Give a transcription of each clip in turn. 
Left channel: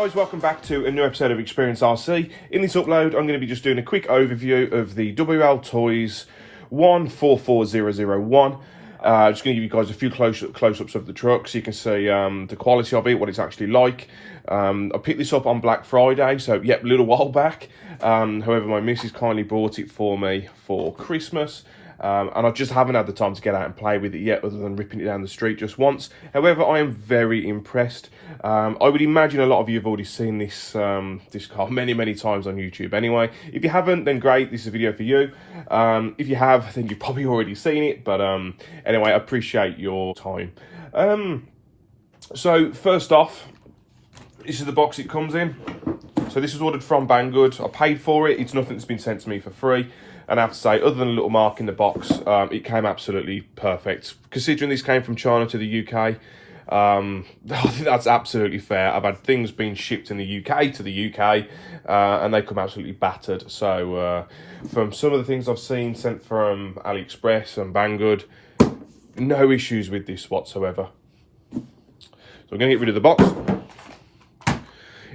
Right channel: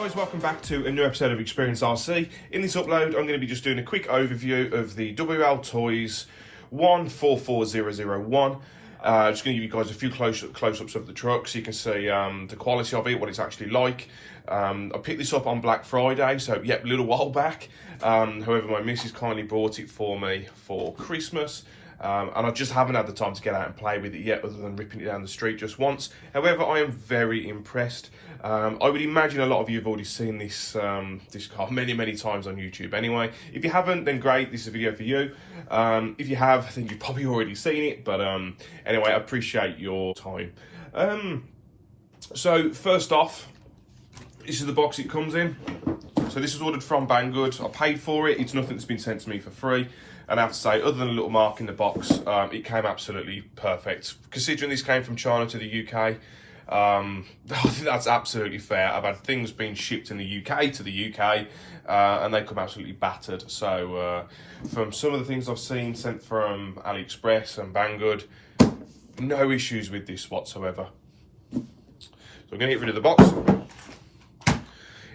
Guys, welcome back to a new episode of Experience RC. In this upload, I'm going to be just doing a quick overview of the WLToys 144001. Just going to give you guys a few close-ups of the truck so you can see the quality of it, what it's actually like. I picked this up on Black Friday, so yep, a little while back. However, my missus kindly bought it for me for Christmas. And I just haven't had the time to get out and play with it yet, other than ripping it down the street just once. However, I am very impressed. I would imagine a lot of you have already seen this this car many times on YouTube anyway. If you haven't, then great, this is a video for you. If you have, I think you've probably already seen it, but anyway, I appreciate your time. So first off, this is the box it comes in. So this was ordered from Banggood. I paid for it. It's nothing that's been sent to me for free. And I have to say, other than a little mark in the box, it came absolutely perfect. Considering this came from China to the UK, I think that's absolutely fair. I've had things being shipped in the UK to the UK, and they come absolutely battered. So from some of the things I've seen sent from AliExpress and Banggood, no issues with this whatsoever. So we're going to get rid of the box.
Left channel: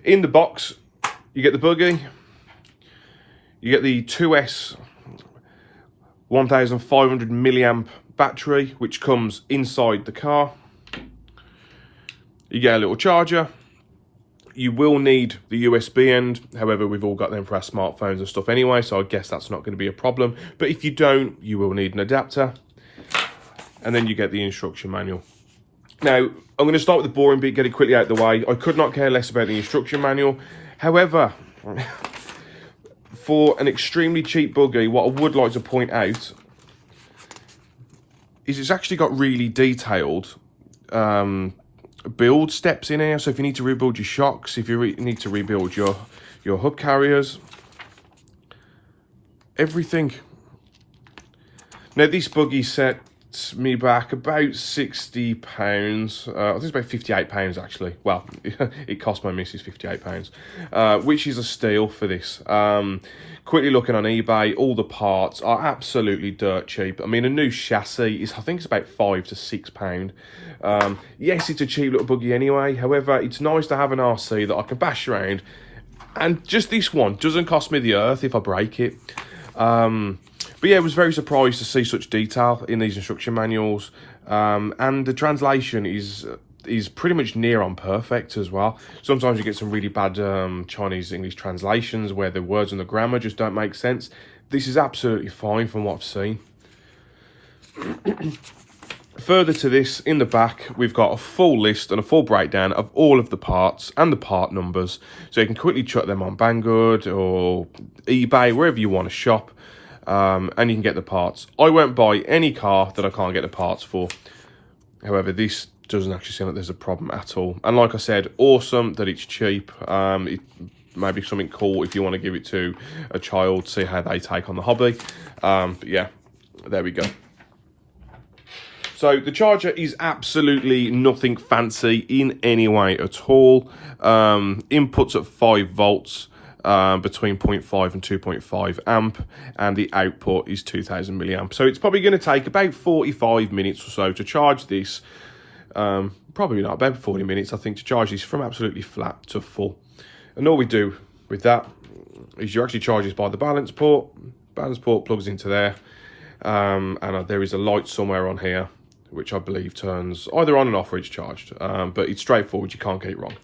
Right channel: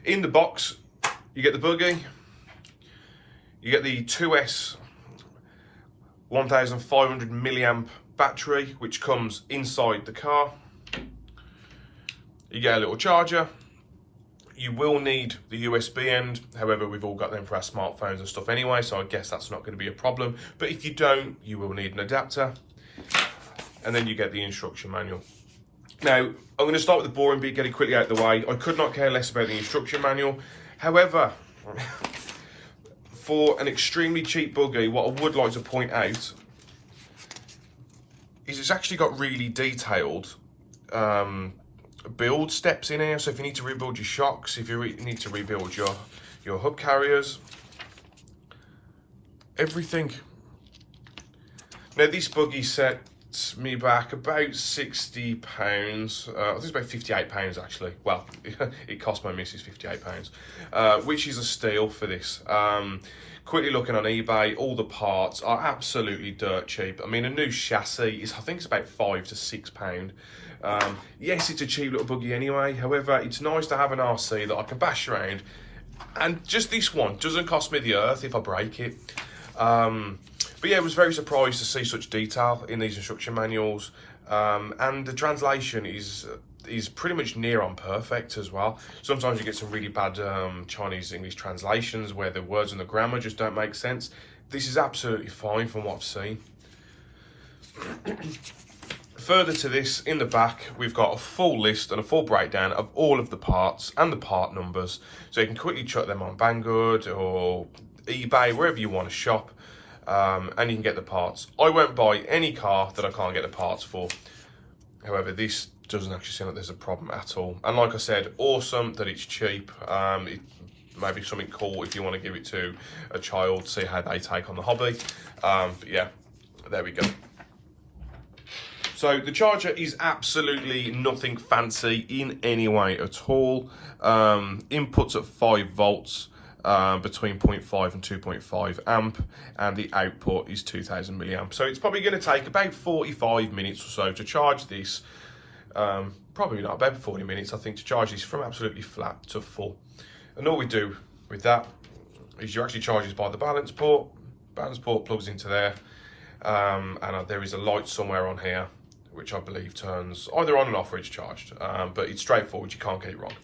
In the box, you get the buggy, you get the 2S 1500 milliamp battery, which comes inside the car. You get a little charger. You will need the USB end. However, we've all got them for our smartphones and stuff anyway, so I guess that's not going to be a problem. But if you don't, you will need an adapter. And then you get the instruction manual. Now, I'm going to start with the boring bit, get it quickly out of the way. I could not care less about the instruction manual. However, for an extremely cheap buggy, what I would like to point out is it's actually got really detailed build steps in here. So if you need to rebuild your shocks, if you need to rebuild your hood carriers, everything. Now this buggy set me back about £60. I think it's about £58 actually. Well, it cost my missus £58, which is a steal for this. Quickly looking on eBay, all the parts are absolutely dirt cheap. I mean, a new chassis is, I think it's about £5 to £6. Yes, it's a cheap little buggy anyway. However, it's nice to have an RC that I can bash around, and just this one doesn't cost me the earth if I break it. But yeah, I was very surprised to see such detail in these instruction manuals, and the translation is pretty much near on perfect as well. Sometimes you get some really bad Chinese English translations where the words and the grammar just don't make sense. This is absolutely fine from what I've seen. Further to this, in the back, we've got a full list and a full breakdown of all of the parts and the part numbers, so you can quickly chuck them on Banggood or eBay, wherever you want to shop. And you can get the parts. I won't buy any car that I can't get the parts for. However, this doesn't actually seem like there's a problem at all. And like I said, awesome that it's cheap. It may be something cool if you want to give it to a child, see how they take on the hobby. But yeah, there we go. So the charger is absolutely nothing fancy in any way at all. Inputs at 5 volts. Between 0.5 and 2.5 amp, and the output is 2000 milliamp. So it's probably going to take about 45 minutes or so to charge this. Probably not, about 40 minutes, I think, to charge this from absolutely flat to full. And all we do with that is you actually charge this by the balance port. Balance port plugs into there, and there is a light somewhere on here, which I believe turns either on and off or it's charged. But it's straightforward, you can't get it wrong.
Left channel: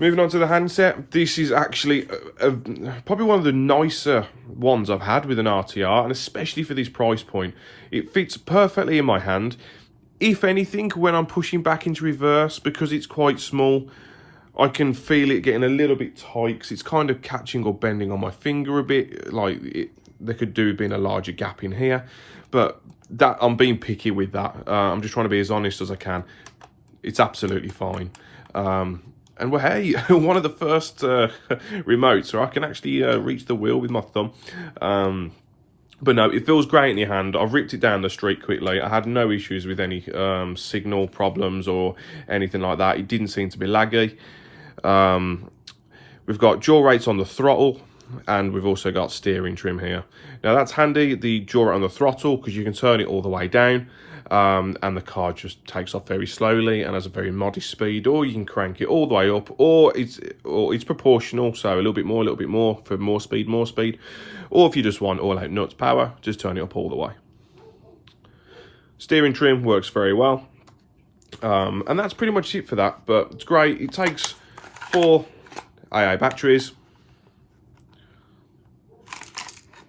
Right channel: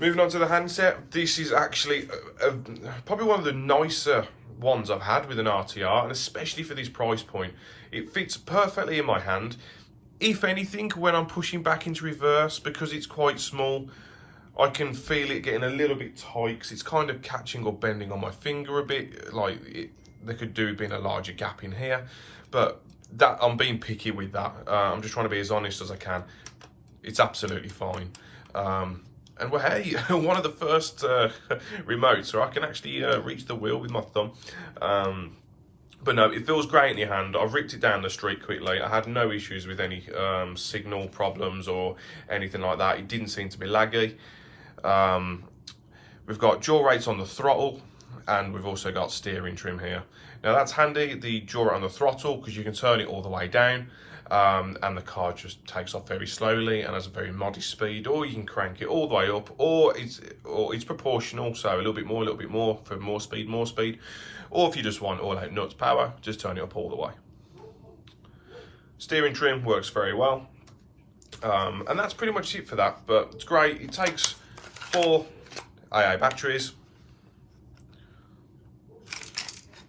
Moving on to the handset, this is actually probably one of the nicer ones I've had with an RTR, and especially for this price point. It fits perfectly in my hand. If anything, when I'm pushing back into reverse, because it's quite small, I can feel it getting a little bit tight, because it's kind of catching or bending on my finger a bit. Like, there could do being a larger gap in here, but that I'm being picky with that. I'm just trying to be as honest as I can. It's absolutely fine. And well, hey, one of the first remotes where I can actually reach the wheel with my thumb. But no, it feels great in your hand. I've ripped it down the street quickly. I had no issues with any signal problems or anything like that. It didn't seem to be laggy. We've got jaw rates on the throttle, and we've also got steering trim here. Now that's handy, the jaw rate on the throttle, because you can turn it all the way down. and the car just takes off very slowly and has a very modest speed, or you can crank it all the way up, or it's proportional, so a little bit more for more speed, or if you just want all out nuts power, just turn it up all the way. Steering trim works very well, and that's pretty much it for that, but it's great. It takes 4 AA batteries.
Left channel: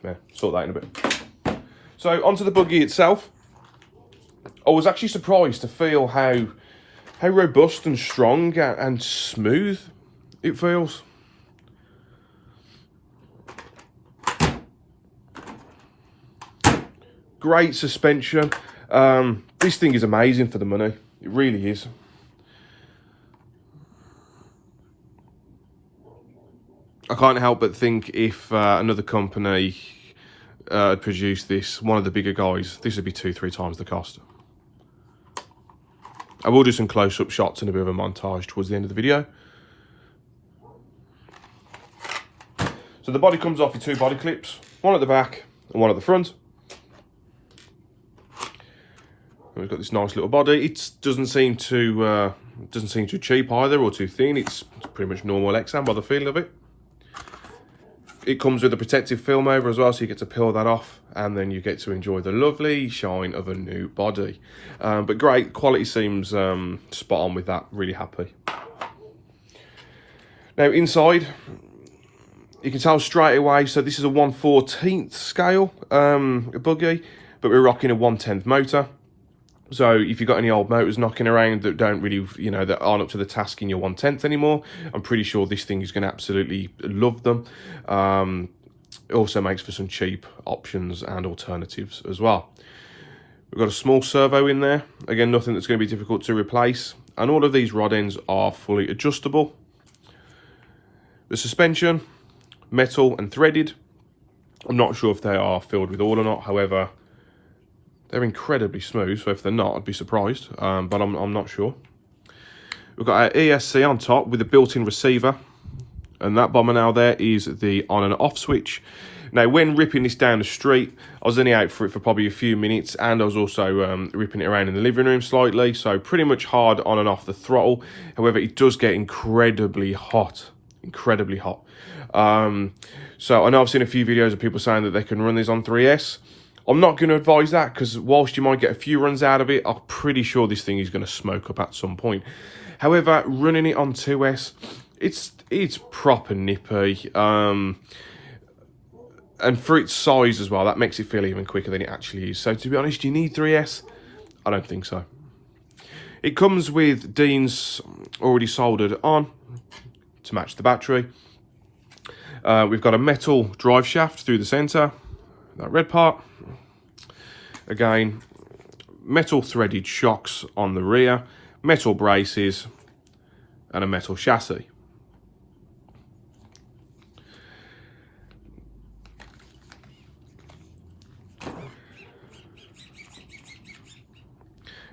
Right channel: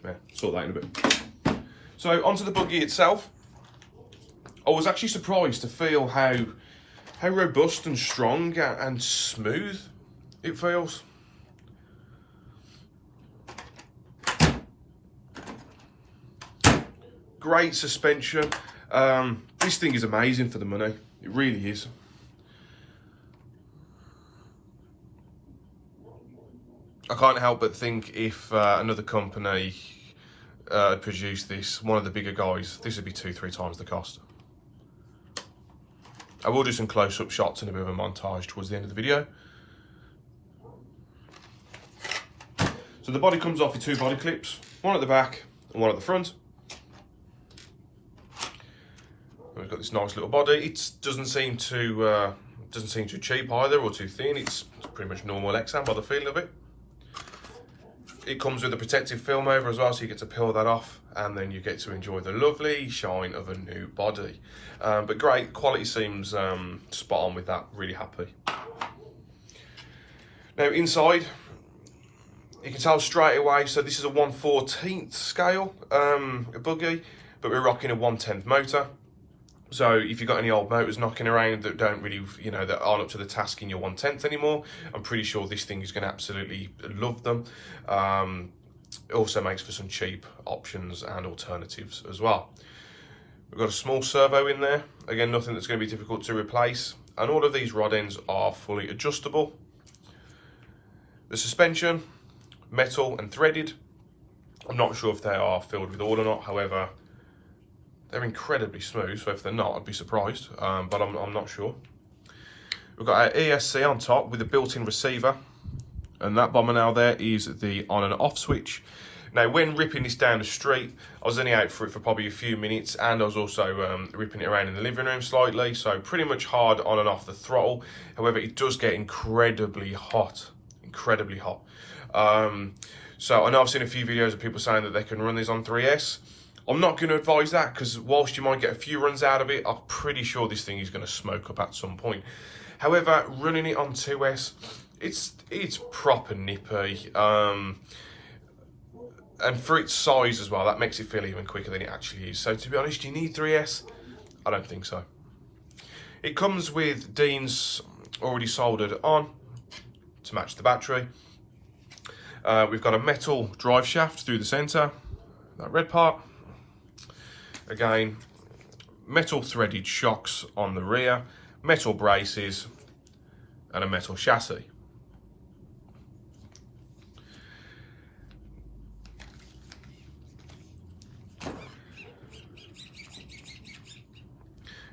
Yeah, sort that in a bit. So onto the buggy itself. I was actually surprised to feel how robust and strong and smooth it feels. Great suspension. This thing is amazing for the money. It really is. I can't help but think if another company produced this, one of the bigger guys, this would be 2-3 times the cost. I will do some close-up shots and a bit of a montage towards the end of the video. So the body comes off with 2 body clips, one at the back and one at the front. We've got this nice little body. It doesn't seem too cheap either, or too thin. It's pretty much normal Exam by the feel of it. It comes with a protective film over as well, so you get to peel that off, and then you get to enjoy the lovely shine of a new body. But great, quality seems spot on with that, really happy. Now inside, you can tell straight away, so this is a 1/14 scale buggy, but we're rocking a 1/10 motor. So if you've got any old motors knocking around that don't really, that aren't up to the task in your 1/10 anymore, I'm pretty sure this thing is going to absolutely love them. It also makes for some cheap options and alternatives as well. We've got a small servo in there. Again, nothing that's going to be difficult to replace. And all of these rod ends are fully adjustable. The suspension, metal and threaded. I'm not sure if they are filled with oil or not. However, they're incredibly smooth, so if they're not, I'd be surprised, but I'm not sure. We've got our ESC on top with a built-in receiver, and that bomber now there is the on and off switch. Now, when ripping this down the street, I was only out for it for probably a few minutes, and I was also ripping it around in the living room slightly, so pretty much hard on and off the throttle. However, it does get incredibly hot, incredibly hot. So I know I've seen a few videos of people saying that they can run this on 3S. I'm not going to advise that, because whilst you might get a few runs out of it, I'm pretty sure this thing is going to smoke up at some point. However, running it on 2S, it's proper nippy. And for its size as well, that makes it feel even quicker than it actually is. So to be honest, do you need 3S? I don't think so. It comes with Dean's already soldered on to match the battery. We've got a metal drive shaft through the centre, that red part. Again, metal threaded shocks on the rear, metal braces, and a metal chassis.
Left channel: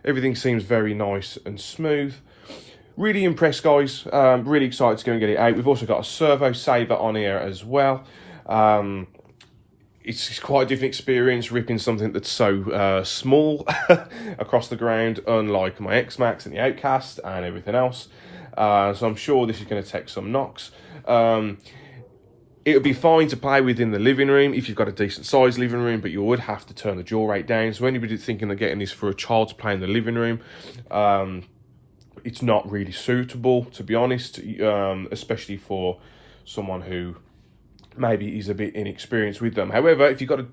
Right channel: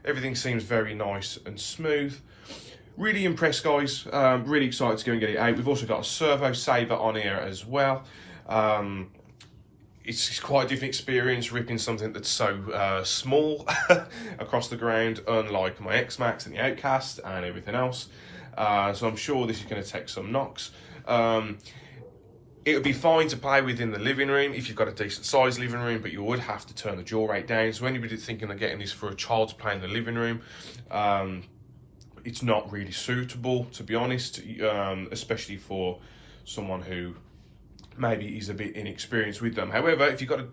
Everything seems very nice and smooth. Really impressed, guys. Really excited to go and get it out. We've also got a servo saver on here as well. It's quite a different experience ripping something that's so small across the ground, unlike my X-Max and the Outcast and everything else. So I'm sure this is going to take some knocks. It would be fine to play with in the living room if you've got a decent sized living room, but you would have to turn the jaw rate down. So anybody thinking of getting this for a child to play in the living room, it's not really suitable, to be honest, especially for someone who maybe is a bit inexperienced with them. However, if you've got a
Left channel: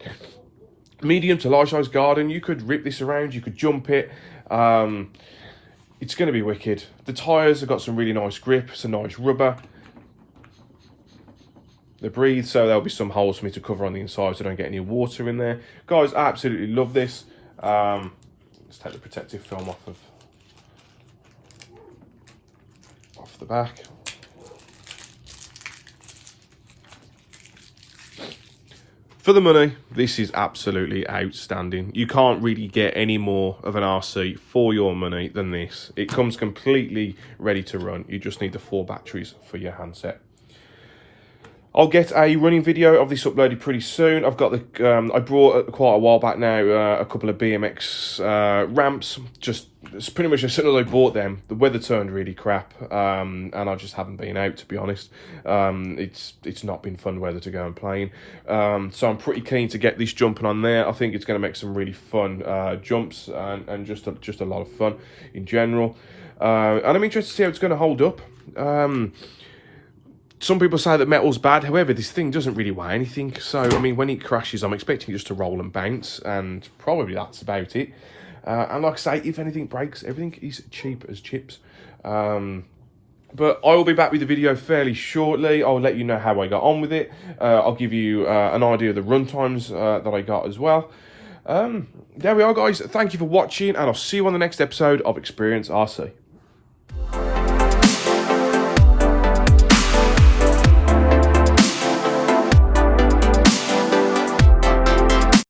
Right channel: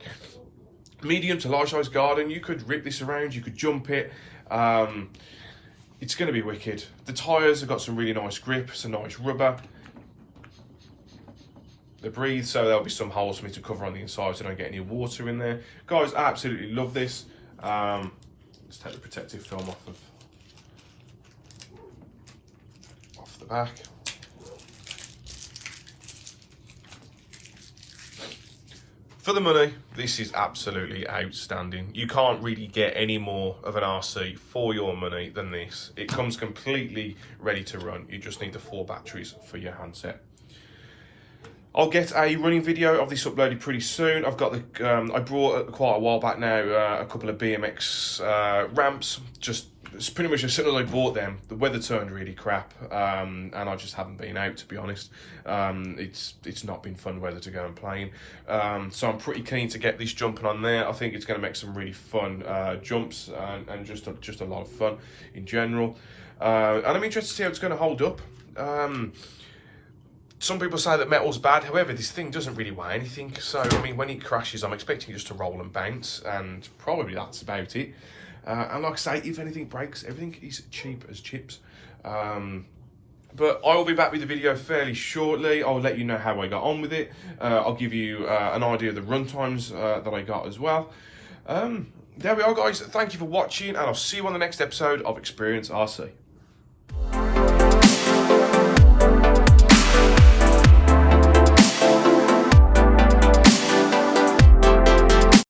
medium to large size garden, you could rip this around, you could jump it. It's going to be wicked. The tyres have got some really nice grip, some nice rubber. They breathe, so there'll be some holes for me to cover on the inside so I don't get any water in there. Guys, I absolutely love this. Let's take the protective film off the back. For the money, this is absolutely outstanding. You can't really get any more of an RC for your money than this. It comes completely ready to run. You just need the 4 batteries for your handset. I'll get a running video of this uploaded pretty soon. I've got the, I brought quite a while back now a couple of BMX ramps. It's pretty much as soon as I bought them, the weather turned really crap, and I just haven't been out, to be honest. It's not been fun weather to go and play in. So I'm pretty keen to get this jumping on there. I think it's going to make some really fun jumps and just a lot of fun in general. And I'm interested to see how it's going to hold up. Some people say that metal's bad, however, this thing doesn't really weigh anything. So, I mean, when it crashes, I'm expecting it just to roll and bounce, and probably that's about it. And like I say, if anything breaks, everything is cheap as chips. But I will be back with the video fairly shortly. I'll let you know how I got on with it. I'll give you an idea of the run times that I got as well. There we are, guys. Thank you for watching, and I'll see you on the next episode of Experience RC.